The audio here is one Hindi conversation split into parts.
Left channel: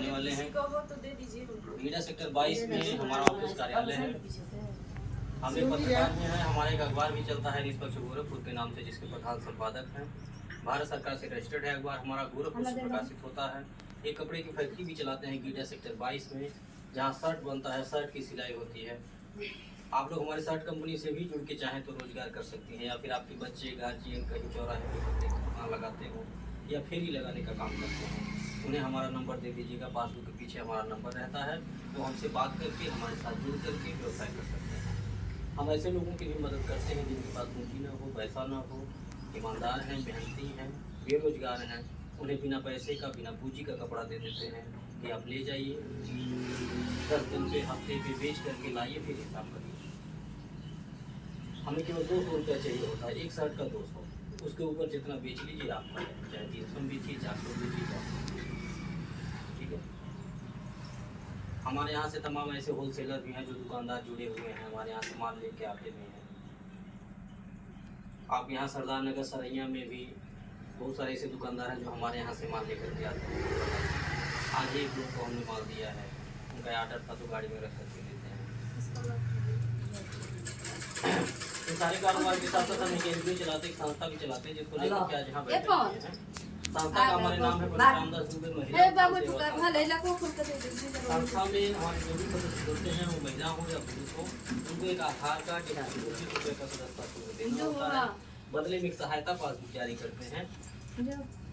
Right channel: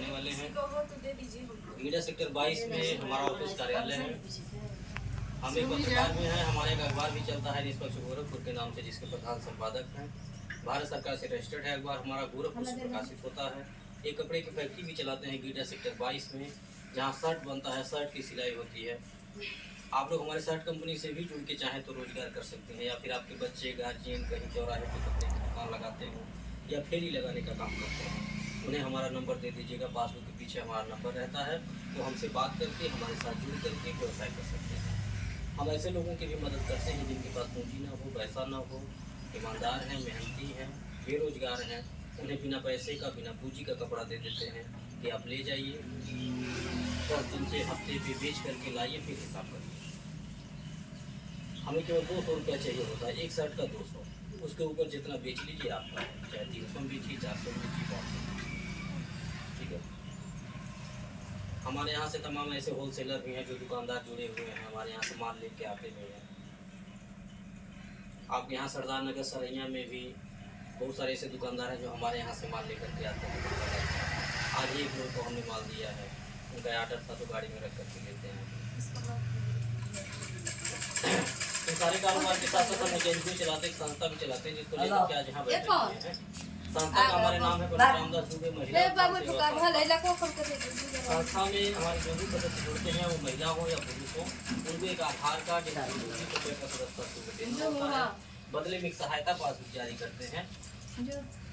बताने वाले हैं। गीडा सेक्टर 22 में हमारा ऑफिस कार्यालय है। हम एक पत्रकार में हैं, हमारे एक अखबार भी चलता है निष्पक्ष गोरखपुर के नाम से, जिसके प्रधान संपादक हैं। भारत सरकार से रजिस्टर्ड है अखबार हमारा, गोरखपुर से प्रकाशित होता है। एक कपड़े की फैक्ट्री भी चलाते हैं गीडा सेक्टर 22 में, जहाँ शर्ट बनता है, शर्ट की सिलाई होती है। आप लोग हमारे शर्ट कंपनी से भी जुड़ के चाहें तो रोजगार कर सकते हैं, या फिर आपके बच्चे गार्जियन कहीं चौराहे पे कपड़े की दुकान लगाते हो या फेरी लगाने का काम करते हैं, उन्हें हमारा नंबर दे दीजिएगा। पासबुक के पीछे हमारा नंबर रहता है, वो हमसे बात करके हमारे साथ जुड़ करके व्यवसाय कर सकते हैं। हम ऐसे लोगों की भी मदद करते हैं जिनके पास पूंजी ना हो, पैसा ना हो, ईमानदार हैं, मेहनती हैं, बेरोजगार हैं। उन्हें बिना पैसे का, बिना पूंजी का कपड़ा दे देते हैं कि आप ले जाइए, 10 दिन पे, हफ्ते पे बेच करके लाइए, फिर हिसाब करिए। हमें केवल 200 रुपया चाहिए होता है, एक शर्ट का 200, उसके ऊपर जितना बेच लीजिए आप, चाहे 300 बेचिए, 400 बेचिए, ठीक है। हमारे यहाँ से तमाम ऐसे होलसेलर भी हैं जो दुकानदार जुड़े हुए हैं, हमारे यहाँ से माल लेके आते भी हैं। आप यहाँ सरदार नगर सरैया में भी बहुत सारे ऐसे दुकानदार हैं जो हमारे यहाँ से माल लेकर के आते हैं। आज एक लोग को हमने माल दिया है, उनका ऑर्डर था तो गाड़ी में रख करके लेते हैं। तो सारे कारोबार के साथ साथ हम एक एनजीओ चलाते हैं, एक संस्था भी चलाते हैं, जिसको लेकर के आज यहाँ बैठे हुए हैं। संस्था का हमारे नाम है पंडित रामदास दुबे महिला। संस्था में हमारे जो भी सदस्य जुड़ते हैं, वो महिला हो या पुरुष हो, उनको एक आधार कार्ड, एक ₹20 का सदस्यता शुल्क देना होता है। बदले में एक सहायता पासबुक जारी करते हैं,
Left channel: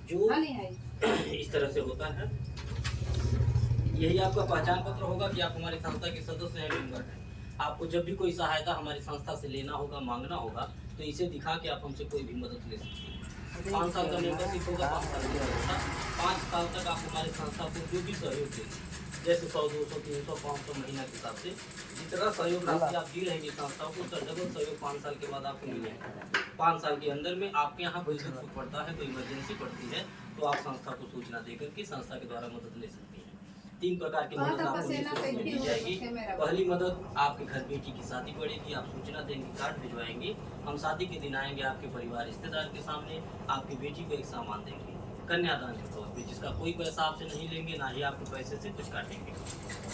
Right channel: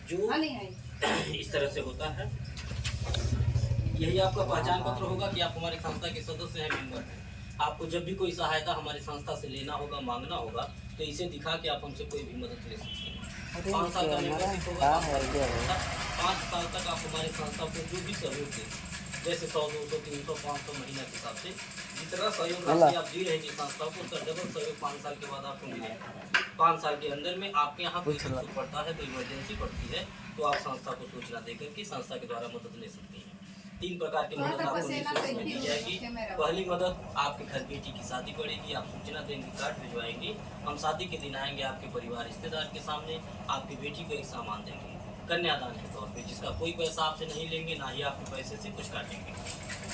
जो इस तरह से होता है। यही आपका पहचान पत्र होगा कि आप हमारी संस्था के सदस्य हैं, मेंबर हैं। आपको जब भी कोई सहायता हमारी संस्था से लेना होगा, मांगना होगा, तो इसे दिखा के आप हमसे कोई भी मदद ले सकते हैं। 5 साल का मेंबरशिप होगा, 5 साल तक आप हमारी संस्था को जो भी सहयोग दें, जैसे 100, 200, 300, 500 महीना के हिसाब से जितना सहयोग राशि आप दी रहेंगे संस्थाओं को, उसका डबल सहयोग 5 साल के बाद आपको मिलेगा। 5 साल के अंदर में आपके यहाँ कोई सुख पड़ता है, कोई इमरजेंसी पड़ती है, तो आप संस्था को सूचना देकर के संस्था के द्वारा मदद ले सकते हैं। 3 प्रकार की मदद आपको निःशुल्क में दी जाएगी। पहली मदद, आपके घर बेटी की शादी पड़ेगी, आप सूचना देंगे, कार्ड भिजवाएंगे, हम शादी के दिन आएंगे आपके परिवार रिश्तेदार के सामने, आपकी बेटी को एक सामान देंगे कन्यादान के तौर पे, जिसका कोई पैसा आपसे नहीं लेंगे, ना ही आपके पैसे से कुछ काटेंगे।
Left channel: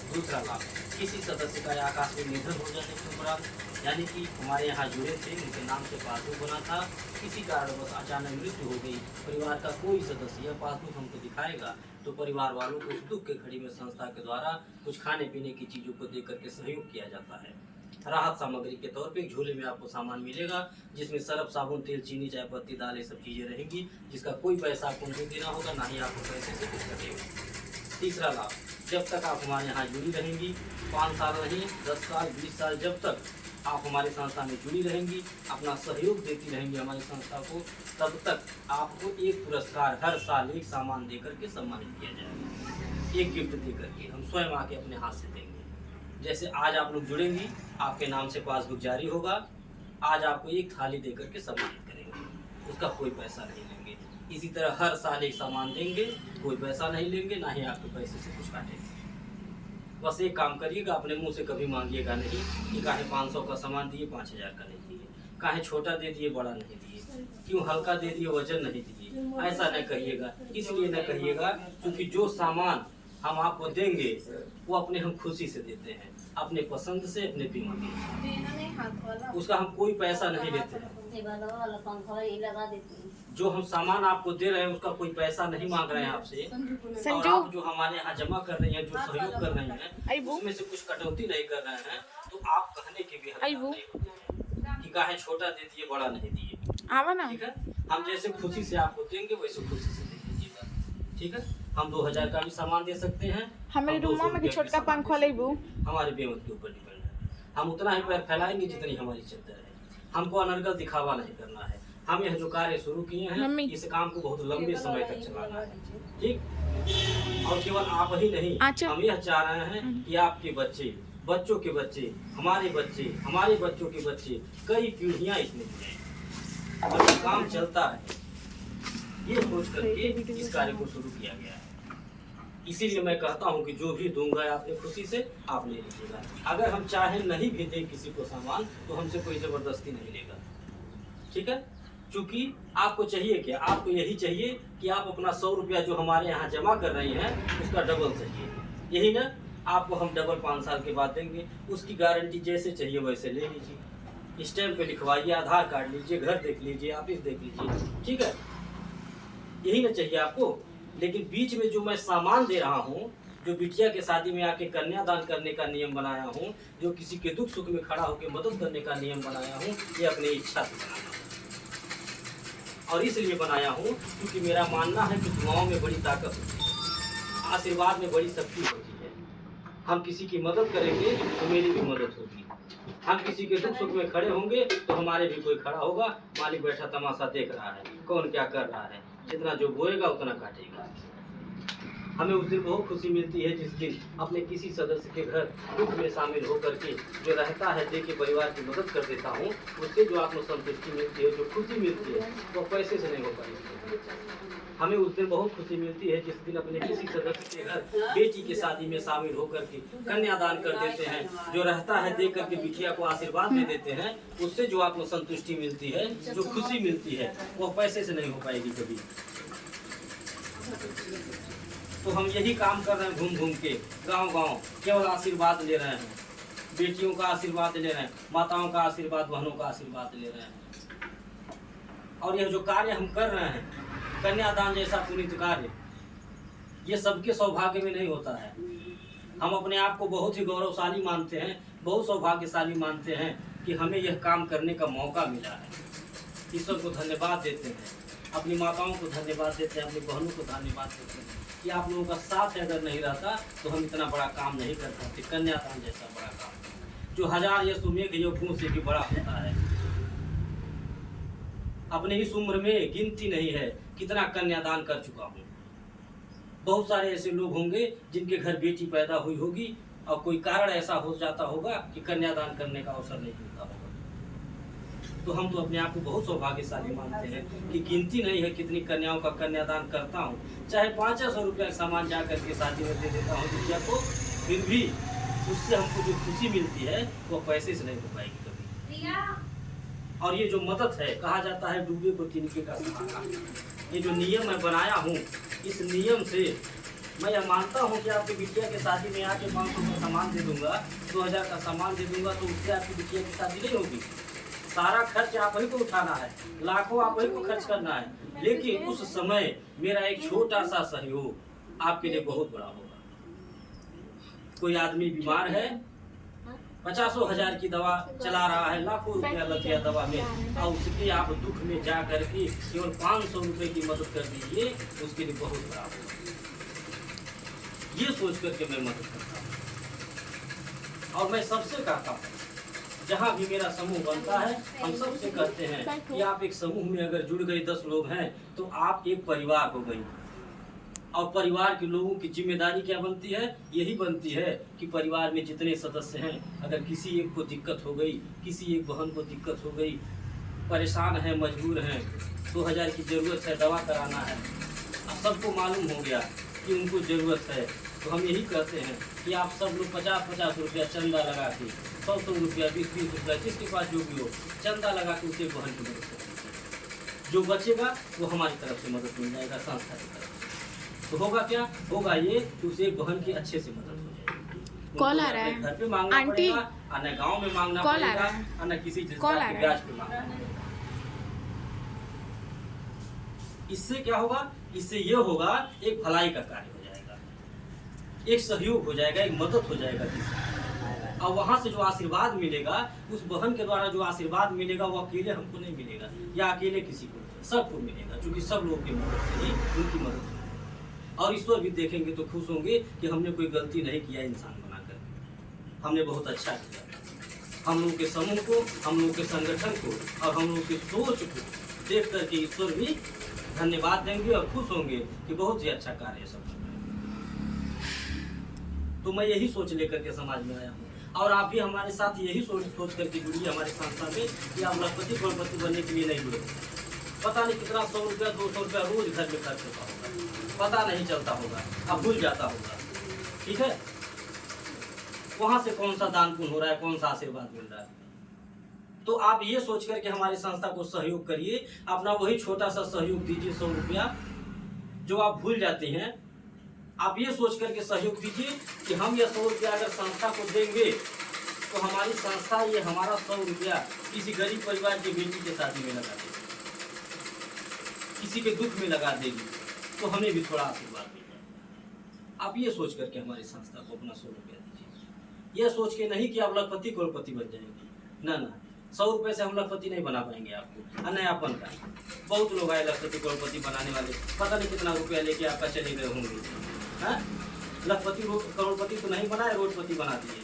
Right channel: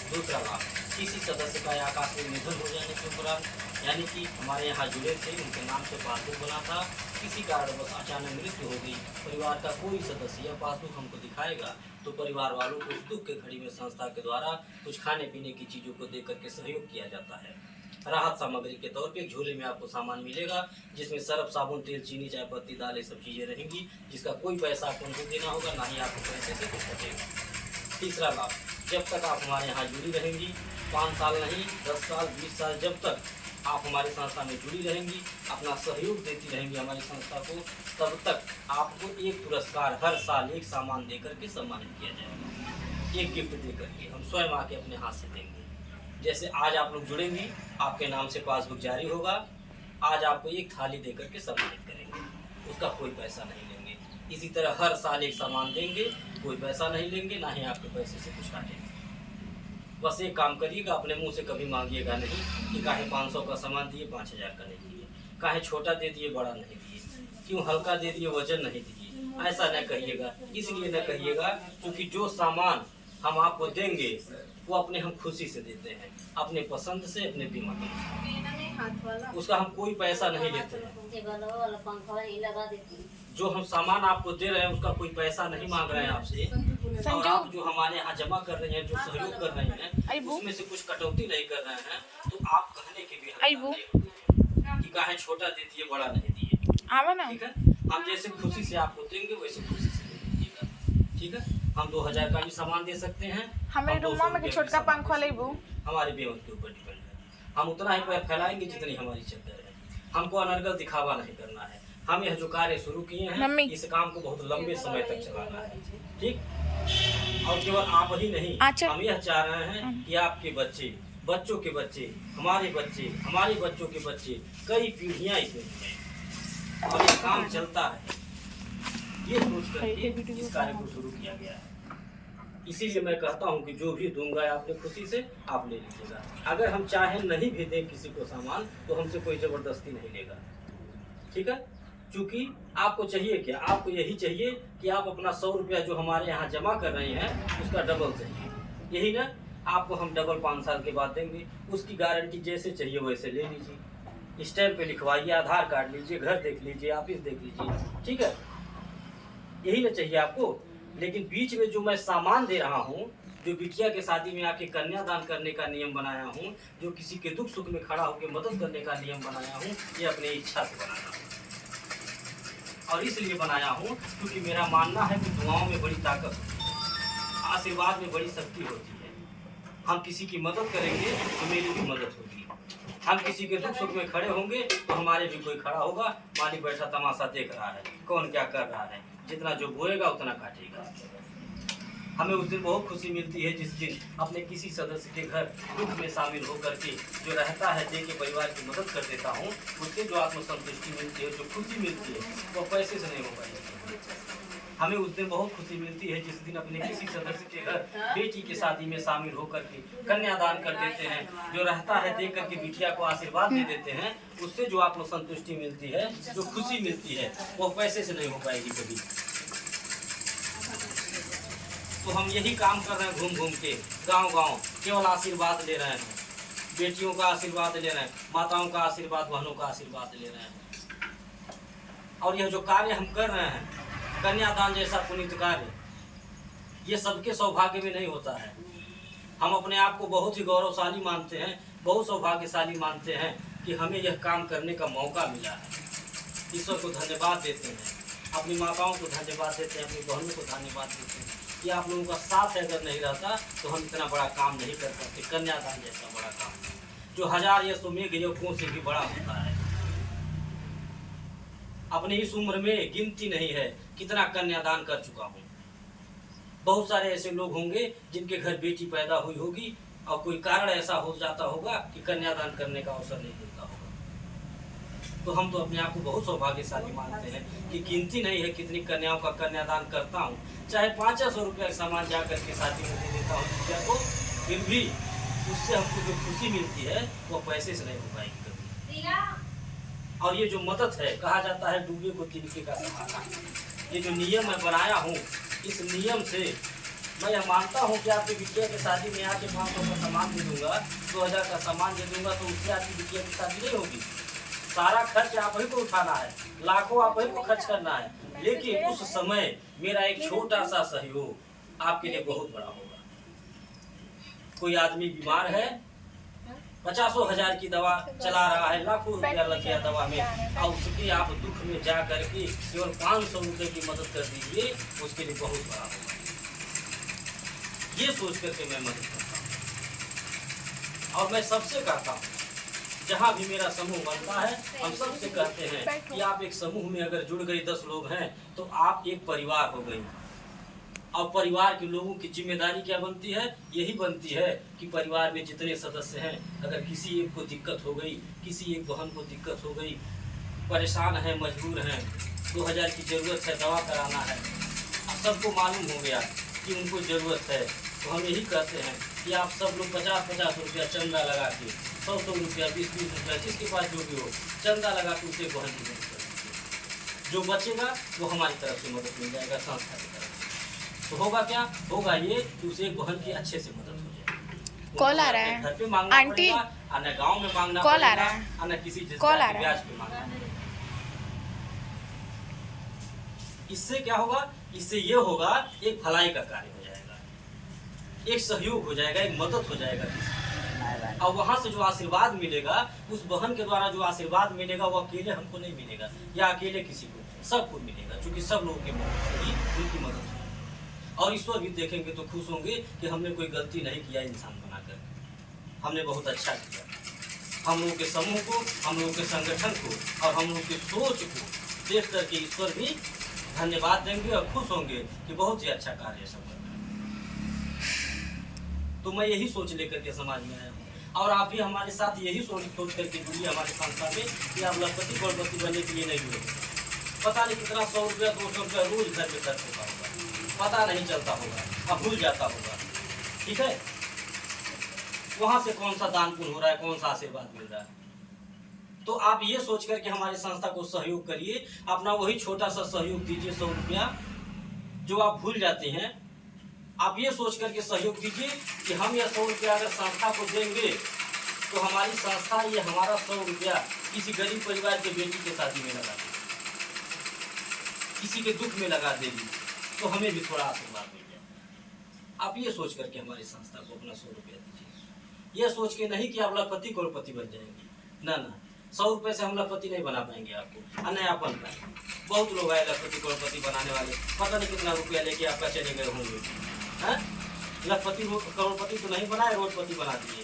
दूसरा लाभ, किसी सदस्य का आकाश में निधन हो जाने के दौरान, यानी कि हमारे यहाँ जुड़े थे, उनके नाम से पासबुक बना था, किसी कारणवश अचानक मृत्यु हो गई, परिवार का कोई सदस्य यह पासबुक हमको दिखाएगा, तो परिवार वालों को उस दुख के घड़ी में संस्था के द्वारा कुछ खाने पीने की चीज़ों को दे करके सहयोग किया जाता है। राहत सामग्री के तौर पे एक झोले में आपको सामान मिलेगा, जिसमें सर्फ, साबुन, तेल, चीनी, चाय पत्ती, दाल, ये सब चीज़ें रहेंगी, जिसका कोई पैसा आपको नहीं देना होगा, ना ही आपको पैसे से कुछ कटेगा। तीसरा लाभ, जब तक आप हमारे यहाँ जुड़ी रहेंगी, 5 साल नहीं, 10 साल, 20 साल, जब तक आप हमारी संस्था में जुड़ी रहेंगी, अपना सहयोग देती रहेंगी हमारी संस्था को, तब तक आपको एक पुरस्कार हर साल एक सामान देकर के सम्मानित किया जाएगा, एक गिफ्ट दे करके हम स्वयं आके अपने हाथ से देंगे। जैसे आज आप लोग जुड़ेंगी, आपके नाम से पासबुक जारी होगा, आज आपको एक थाली दे करके सम्मानित करेंगे, उसका कोई पैसा नहीं लेंगे। इसी तरह हर साल एक सामान देंगे, कोई पैसा नहीं लेंगे, ना ही आपके पैसे से कुछ काटेंगे। बस एक काम करिएगा, अपने मुंह से कभी मांगिएगा नहीं कि काहे 500 का सामान दिए, 5000 का नहीं दिए, काहे छोटा दे दिए, बड़ा नहीं दिए, क्यों हल्का दे दिए, वजन नहीं दिए, ऐसा न कहिएगा। इसलिए न कहिएगा क्योंकि जो सामान हम आपको देंगे वो अपने हम खुशी से देते हैं, अपने पसंद से, अपने दिमाग से, उसका हम कोई पैसा नहीं लेते हैं। जो हम सामान आपको दे रहे हैं उसका कोई पैसा नहीं मांग रहे हैं आपसे, और आप जो हमारे यहाँ जमा कर रही हैं, जो सहयोग कर रहे हैं, उसमें से कुछ कटौती नहीं कर रहे हैं, तो आप कहने के भी कि काहे छोटा दे दिए, बड़ा नहीं दिए, ठीक है। हम जैसे खुशी से आपको देंगे वैसे खुशी से दे दीजिएगा, ठीक है। हम 2000 का भी सामान दे सकते हैं, हमारे छोटका पंखा हमारे बेमत के ऊपर डिपेंड है। हम उतना ही पैर फैलाएंगे जितनी हमारी चद्दर है, हमको अनर्गल दिखावा नहीं करना है। हम यह जो कार्य शुरू किए हैं, इस काम को बहुत लंबे समय तक चलाना है, ठीक। और केवल आप ही नहीं, हम यह चाह रहे हैं कि आपके बच्चे, बच्चों के बच्चे, हमारे बच्चे, हमारे बच्चों के बच्चे, कई पीढ़ियां इसमें जुड़े और ये काम चलता है, ये सोच करके इस कार्य को शुरू किया गया है। इसीलिए मैं कहता हूँ कि जो भी दूंगा आपने खुशी से आप ले लीजिएगा। अगर हम चाहें नहीं भी दें किसी को सामान, तो हमसे कोई जबरदस्ती नहीं लेगा, ठीक है। क्योंकि आपको चाहिए क्या, आपको यही चाहिए कि आप अपना 100 रुपया जो हमारे यहाँ जमा कर रहे हैं उसका डबल चाहिए, यही ना। आपको हम डबल 5 साल के बाद देंगे, उसकी गारंटी जैसे चाहिए वैसे ले लीजिए, स्टैम्प पे लिखवाइए, आधार कार्ड लीजिए, घर देख लीजिए, ऑफिस देख लीजिए, ठीक है, यही ना चाहिए आपको। लेकिन बीच में जो मैं सामान दे रहा हूँ, जो बिटिया के शादी में आके कन्यादान करने का नियम बनाया हूँ, जो किसी के दुख सुख में खड़ा होकर मदद करने का नियम बनाया हूँ, ये अपने इच्छा से बनाया हूँ। और इसलिए बनाया हूँ क्योंकि मेरा मानना है कि दुआओं में बड़ी ताकत होती है, आशीर्वाद में बड़ी शक्ति होती है। हम किसी की मदद करेंगे तो मेरी भी मदद होगी, हम किसी के दुख सुख में खड़े होंगे तो हमारे भी कोई खड़ा होगा। मालिक बैठा तमाशा देख रहा है, कौन क्या कर रहा है, जितना जो बोएगा उतना काटेगा। हमें उस दिन बहुत खुशी मिलती है जिस दिन अपने किसी सदस्य के घर दुख में शामिल होकर के जो रहता है, दे के परिवार की मदद कर देता हूँ, उससे जो आत्मसंतुष्टि मिलती है, जो खुशी मिलती है, वो पैसे से नहीं हो पाएगी। हमें उस दिन बहुत खुशी मिलती है जिस दिन अपने किसी सदस्य के घर बेटी के शादी में शामिल होकर के कन्यादान कर देते हैं, जो रहता है दे करके बिटिया को आशीर्वाद दे देते हैं, उससे जो आत्मसंतुष्टि मिलती है, जो खुशी मिलती है, वो पैसे से नहीं हो पाएगी कभी। तो हम यही काम कर रहे हैं, घूम घूम के गांव-गांव केवल आशीर्वाद ले रहे हैं, बेटियों का आशीर्वाद ले रहे हैं, माताओं का आशीर्वाद, बहनों का आशीर्वाद ले रहे हैं। और यह जो कार्य हम कर रहे हैं, कन्यादान जैसा पुनीत कार्य, ये सबके सौभाग्य में नहीं होता है। हम अपने आप को बहुत ही गौरवशाली मानते हैं, बहुत सौभाग्यशाली मानते हैं कि हमें यह काम करने का मौका मिला है। ईश्वर को धन्यवाद देते हैं, अपनी माताओं को धन्यवाद देते हैं, अपनी बहनों को धन्यवाद देते हैं कि आप लोगों का साथ अगर नहीं रहता तो हम इतना बड़ा काम नहीं कर सकते। कन्यादान जैसा बड़ा काम जो हजार यशोमेघ यज्ञों से भी बड़ा होता है। अपनी इस उम्र में गिनती नहीं है कितना कन्यादान कर चुका हूँ। बहुत सारे ऐसे लोग होंगे जिनके घर बेटी पैदा हुई होगी और कोई कारण ऐसा हो जाता होगा कि कन्यादान करने का अवसर नहीं मिलता होगा। तो हम तो अपने आप को बहुत सौभाग्यशाली मानते हैं कि गिनती नहीं है कितनी कन्याओं का कन्यादान करता हूँ। चाहे 500 रुपया सामान जा करके शादी में दे देता हूँ बिटिया को, फिर भी उससे हमको जो खुशी मिलती है वो पैसे से नहीं हो पाएगी कभी। और ये जो मदद है, कहा जाता है डूबे को तिनके का सहारा। ये जो नियम मैं बनाया हूँ, इस नियम से मैं यह मानता हूँ कि आपकी बिटिया की शादी में आके 500 का सामान दे दूंगा, 2000 का सामान दे दूंगा, तो उससे आपकी बिटिया की शादी नहीं होगी। सारा खर्च आप ही को उठाना है, लाखों आप ही को खर्च करना है, लेकिन उस समय मेरा एक छोटा सा सहयोग आपके लिए बहुत बड़ा होगा। कोई आदमी बीमार है, 50,000 की दवा चला रहा है, लाखों रुपया लग गया दवा में, और उसकी आप दुख में जा करके केवल 500 रुपये की मदद कर दीजिए, उसके लिए बहुत बड़ा होगा। ये सोच करके मैं मदद करता हूँ और मैं सबसे कहता हूँ, जहाँ भी मेरा समूह बनता है, हम सबसे कहते हैं कि आप एक समूह में अगर जुड़ गए 10 लोग हैं तो आप एक परिवार हो गई। और परिवार के लोगों की जिम्मेदारी क्या बनती है? यही बनती है कि परिवार में जितने सदस्य हैं, अगर किसी एक को दिक्कत हो गई, किसी एक बहन को दिक्कत हो गई, परेशान है, मजबूर हैं, 2000 की ज़रूरत है, दवा कराना है, सबको मालूम हो गया कि उनको ज़रूरत है, तो हम यही कहते हैं कि आप सब लोग 50-50 रुपया चंदा लगा के, 100-100 रुपया, 20-20 रुपया, जिसके पास जो भी हो, चंदा लगा के उसे बहन की मदद करेंगे। जो बचेगा वो हमारी तरफ से मदद मिल जाएगा, संस्था की तरफ से। तो होगा क्या? होगा ये कि उसे एक बहन की अच्छे से मदद हो जाएगी। कॉल आ रहा है, घर पे मांगना आंटी, पड़ेगा, न गाँव में मांगना कॉल आ पड़ेगा, रहा है, न किसी कॉल आ रहा है। ब्याज पे मांगना पड़ेगा। इससे क्या होगा? इससे ये होगा, एक भलाई का कार्य हो जाएगा, एक सहयोग हो जाएगा, एक मदद हो जाएगा किसी। और वहाँ से जो आशीर्वाद मिलेगा, उस बहन के द्वारा जो आशीर्वाद मिलेगा, वो अकेले हमको नहीं मिलेगा या अकेले किसी को, सबको मिलेगा, क्योंकि सब लोगों की मदद से ही उनकी मदद होगी। और ईश्वर भी देखेंगे तो खुश होंगे कि हमने कोई गलती नहीं किया इंसान बनाकर, हमने बहुत अच्छा किया। हम लोगों के समूह को, हम लोगों के संगठन को और हम लोगों की सोच को देख करके ईश्वर भी धन्यवाद देंगे और खुश होंगे कि बहुत ही अच्छा कार्य सब। तो मैं यही सोच लेकर के समाज में आया हूँ, और आप भी हमारे साथ यही सोच करके जुड़िए हमारी संस्था में कि आप लखपति करोड़पति बनने के लिए नहीं जुड़े। पता नहीं कितना 100 रुपया 200 रुपया रोज घर पे खर्च होता होगा, पता नहीं चलता होगा, अब भूल जाता होगा, ठीक है। वहाँ से कौन सा दान पुण्य हो रहा है, कौन सा आशीर्वाद मिल रहा है, तो आप ये सोच करके हमारी संस्था को सहयोग करिए, अपना वही छोटा सा सहयोग दीजिए, 100 रुपया जो आप भूल जाते हैं। आप ये सोच करके सहयोग दीजिए कि हम ये 100 रुपया अगर संस्था को देंगे तो हमारी संस्था ये हमारा 100 रुपया किसी गरीब परिवार के बेटी के शादी में लगा देगी, किसी के दुख में लगा देगी, तो हमें भी थोड़ा आशीर्वाद मिल जाए। आप ये सोच करके हमारी संस्था को अपना 100 रुपया दीजिए। ये सोच के नहीं कि आप लखपति करोड़पति बन जाएंगे, ना ना, 100 रुपये से हम लखपति नहीं बना पाएंगे आपको, और नया बन पाएंगे। बहुत लोग आए लखपति करोड़पति बनाने वाले, पता नहीं कितना रुपया लेके आपका चले गए होंगे। हैं, लखपति करोड़पति तो नहीं बनाए, रोडपति बना दिए,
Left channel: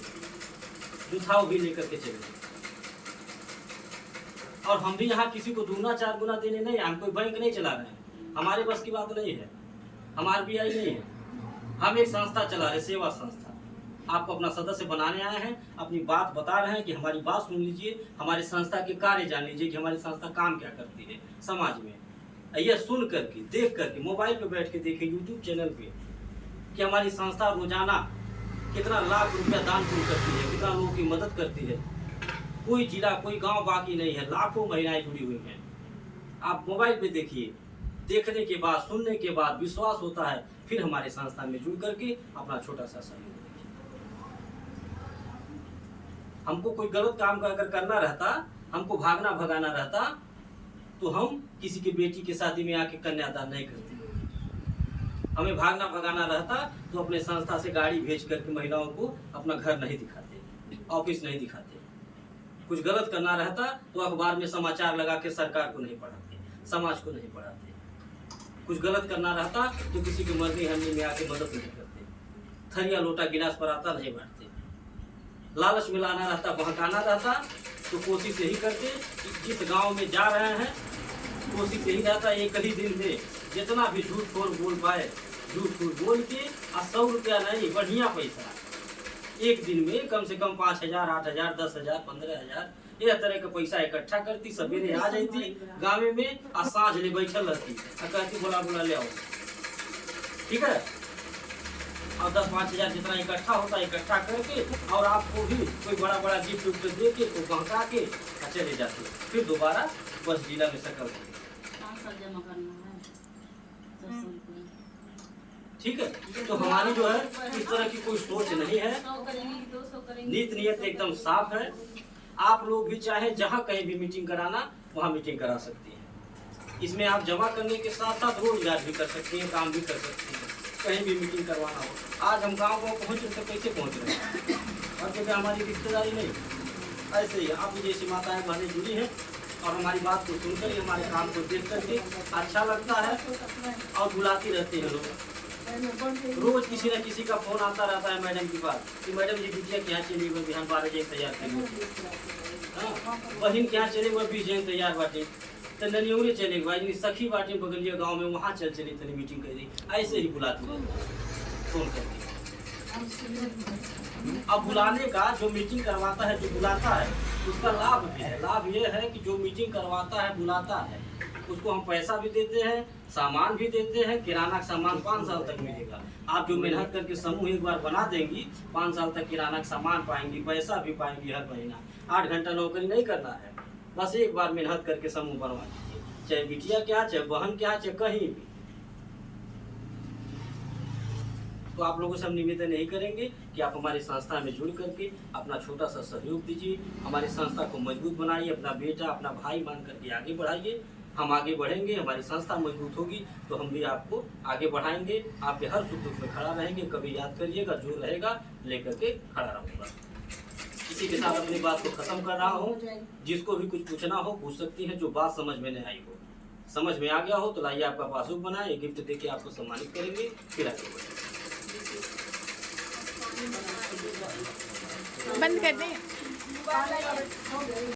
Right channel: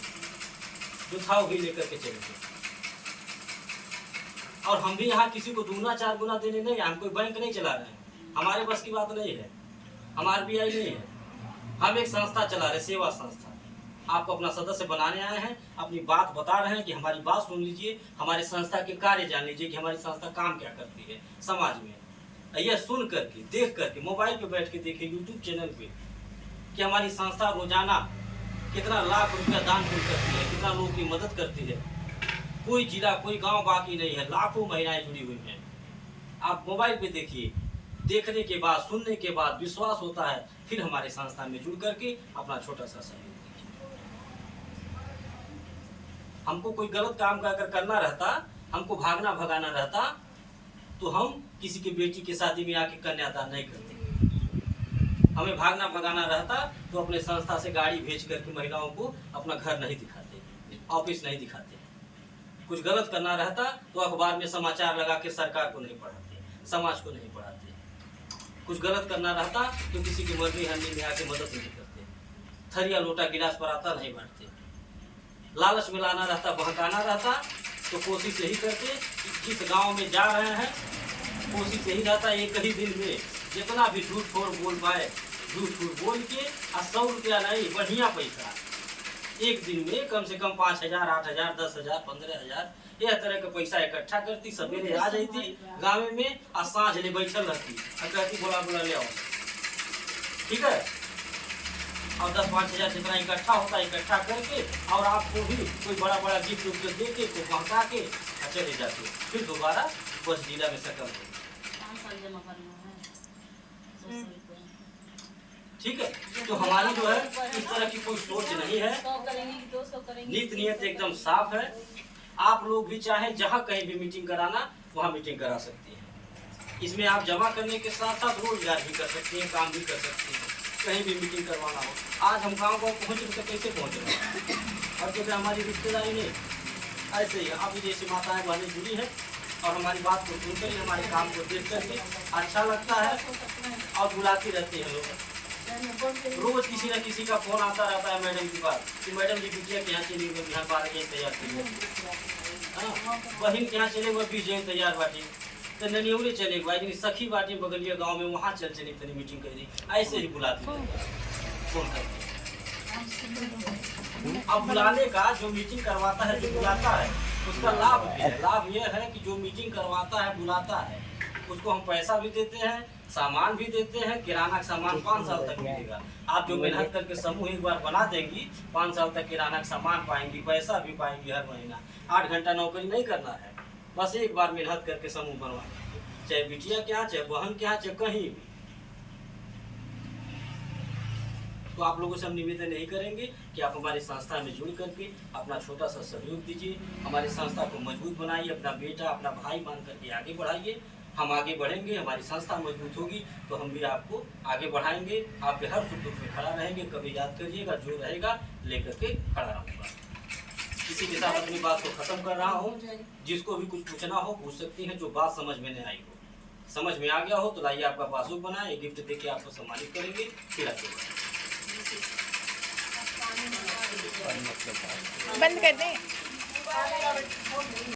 जो था वो भी लेकर के चले गए। और हम भी यहाँ किसी को दूना 4 गुना देने नहीं, हम कोई बैंक नहीं चला रहे हैं, हमारे बस की बात नहीं है, हम RBI नहीं है, हम एक संस्था चला रहे, सेवा संस्था। आपको अपना सदस्य बनाने आए हैं, अपनी बात बता रहे हैं कि हमारी बात सुन लीजिए, हमारी संस्था के कार्य जान लीजिए कि हमारी संस्था काम क्या करती है समाज में। यह सुन करके, देख करके, मोबाइल पे बैठ के देखिए, यूट्यूब चैनल पे कि हमारी संस्था रोजाना कितना लाख रुपया दान पुण्य करती है, कितना लोगों की मदद करती है। कोई जिला, कोई गांव बाकी नहीं है, लाखों महिलाएं जुड़ी हुई हैं। आप मोबाइल पे देखिए, देखने के बाद, सुनने के बाद विश्वास होता है, फिर हमारे संस्था में जुड़ करके अपना छोटा सा सहयोग दीजिए। हमको कोई गलत काम अगर करना रहता, हमको भागना भगाना रहता, तो हम किसी की बेटी की शादी में आके कन्यादान नहीं करते। हमें भागना भगाना रहता तो अपने संस्था से गाड़ी भेज करके महिलाओं को अपना घर नहीं दिखाते, ऑफिस नहीं दिखाते। कुछ गलत करना रहता तो अखबार में समाचार लगा के सरकार को नहीं पढ़ाते, समाज को नहीं पढ़ाते। कुछ गलत करना रहता तो किसी की मर्जी हंडी में आके मदद नहीं करते, थरिया लोटा गिलास पर आता नहीं बांटते। लालच में लाना रहता, बहकाना रहता तो कोशिश यही करते कि जिस गांव में जा रहे हैं, कोशिश यही रहता एक ही दिन में जितना भी झूठ खोर बोल पाए, झूठ खोर बोल के 100 रुपया नहीं, बढ़िया पैसा एक दिन में कम से कम 5,000, 8,000, 10,000, 15,000 यह तरह का पैसा इकट्ठा करती, सवेरे आ जाती गाँव में और सांझ ले बैठल रहती और कहती बोला बोला ले आओ, ठीक है। और 10-5,000 जितना इकट्ठा होता है, इकट्ठा करके और आपको भी कोई बड़ा बड़ा गिफ्ट उफ्ट दे के तो पहुँचा के चले जाते, फिर दोबारा बस जिला में सकल, ठीक है। तो हमारी जो है इस तरह की कोई सोच नहीं है, नीत नियत एकदम साफ है। आप लोग भी चाहे जहाँ कहीं भी मीटिंग कराना वहाँ मीटिंग करा सकती हैं। इसमें आप जमा करने के साथ साथ रोजगार भी कर सकते हैं, काम भी कर सकते हैं, कहीं भी मीटिंग करवाना हो। आज हम गाँव गाँव पहुँच रहे तो कैसे पहुँच रहे हैं, और क्योंकि हमारी रिश्तेदारी नहीं, ऐसे ही आप जैसी माताएं बहनें जुड़ी हैं और हमारी बात को सुनकर, हमारे काम को देख करके अच्छा लगता है और बुलाती रहती है लोग। रोज किसी न किसी का फोन आता रहता है मैडम के पास कि मैडम जी बिटिया के यहाँ चले गए, बिहान 12 बजे तैयार करिए, बहन के यहाँ चले गए 20 बजे तैयार बाटे, तो ननियौरी चले गए, सखी बाटे बगलिया गाँव में, वहाँ चले तनी मीटिंग करी, ऐसे ही बुलाती फोन करके। अब बुलाने का जो मीटिंग करवाता है, जो बुलाता है, उसका लाभ भी है। लाभ ये है कि जो मीटिंग करवाता है, बुलाता है, उसको हम पैसा भी देते हैं, सामान भी देते हैं। किराना का सामान 5 साल तक मिलेगा। आप जो मेहनत करके समूह एक बार बना देंगी, 5 साल तक किराना का सामान पाएंगी, पैसा भी पाएंगी हर महीना। 8 घंटा नौकरी नहीं करना है, बस एक बार मेहनत करके समूह बनवा दीजिए, चाहे बिटिया क्या, चाहे बहन क्या, चाहे कहीं भी। तो आप लोगों से हम निवेदन यही करेंगे कि आप हमारी संस्था में जुड़ करके अपना छोटा सा सहयोग दीजिए, हमारी संस्था को मजबूत बनाइए, अपना बेटा, अपना भाई मान करके आगे बढ़ाइए। हम आगे बढ़ेंगे, हमारी संस्था मजबूत होगी तो हम भी आपको आगे बढ़ाएंगे, आपके हर सुख दुख में खड़ा रहेंगे। कभी याद करिएगा, जो रहेगा लेकर के खड़ा रहूँगा। किसी के साथ अपनी बात को खत्म कर रहा हूँ, जिसको भी कुछ पूछना हो पूछ सकती हैं, जो बात समझ में नहीं आई हो, समझ में आ गया हो तो लाइए आपका पासबुक बनाए, गिफ्ट देके आपको सम्मानित करेंगे, फिर आगे बढ़ेंगे। बंद कर दें।